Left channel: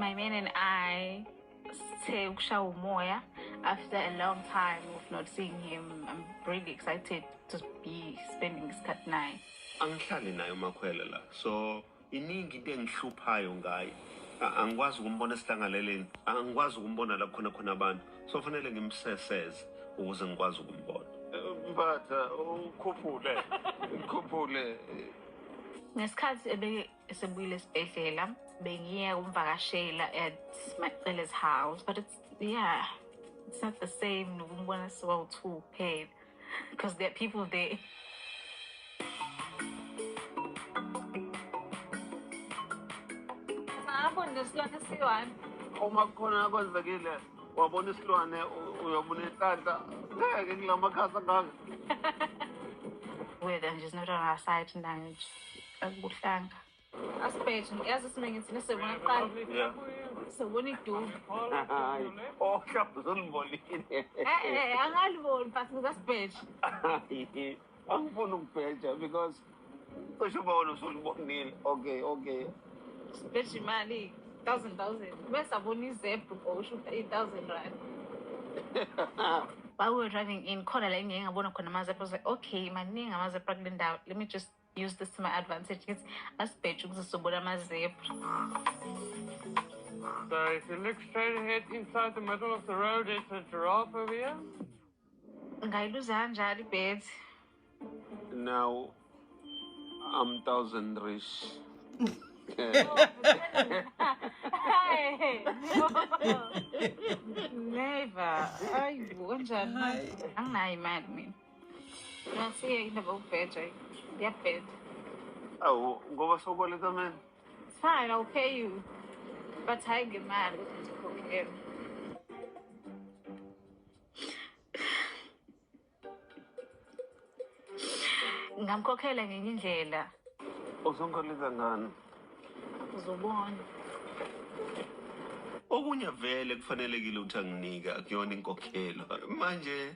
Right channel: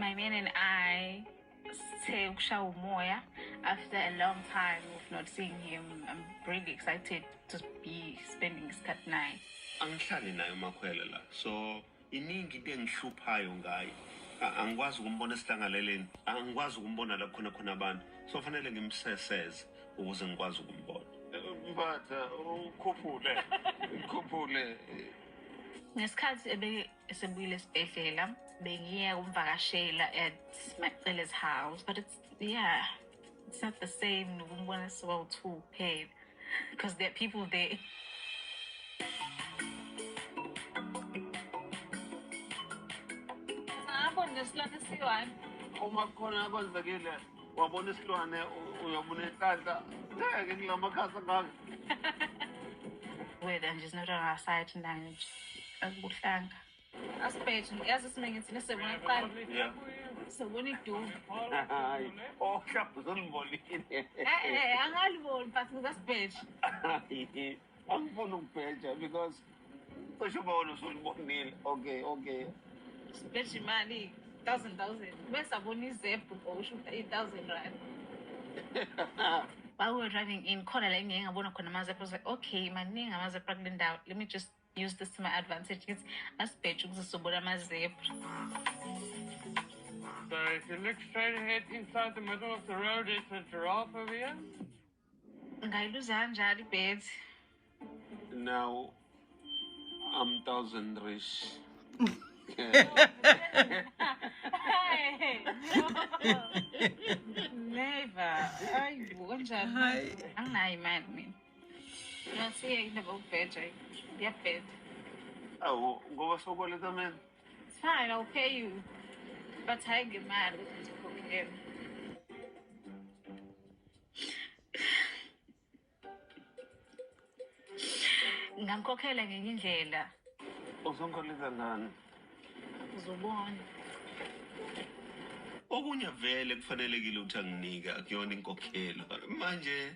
My man and I say ukushawa umoya after a long time of not seeing him. I'm really excited to be spending isikhathi naye. Angihlali naye uMakhwele la. So iningi into engihluphayo ngaye. Angikwazi ukumbona esihlangaleleni. Angikwazi ukumbona la khona abantu. So fanele ngimseseze ukuze ngikwazi ukumbona. Mbatha ukhuphule. Ngesikhathi esebuyile esibhedlela bengiya kumvakashela at Macele's house, but it's not the same nokumbona siwawu-2 kuphela because there are people there. Ngabona isilwane esiyi-1. Uma kukhona kwenzekile wabona isilwane uyabona inhlanhla ngeke ngilamakhasi angaka. Weather nje is not on our side tonight. Akubuhlanga. Asibheje yazi isinengithi nesebona kuqala. Yeah. Sobona idubu. Hayi. Oh, uzonibonile. Angaliboni but ngasibheje. Angifuni ukubheja because kusho bona usulibonile. Okay. Sibheje imali 1,000. Bese abona izebhu usho 8,000 rand. While we were driving in, khona la engike ngabona khona amazebra. I was like, okay, maningi amazebra kule ndawo. Let me just use this to my advantage. It's asibheje ukuze sobona amazebra. So if you look straight ahead inside the middle of the road, it's a giraffe over here. Ngayiluza kanjalo ibhedi. Now I'm 1,000 rich. Hey, never. Ayibo kanjani? Anginayo imali mina. Ngasiye indaba ukubheja. Ngiyabheda. Awu, ngoba sokweleta mina. It's fine, I'll pay you. But hayi ngemali ukuthi ngikhokhele. Ngamkhokhela ngenye indlela. Uzongikhokhela ngani? Uzobona. Okunye vele kufanelekile ukuthi anginike akuyona inkokhelo. Manje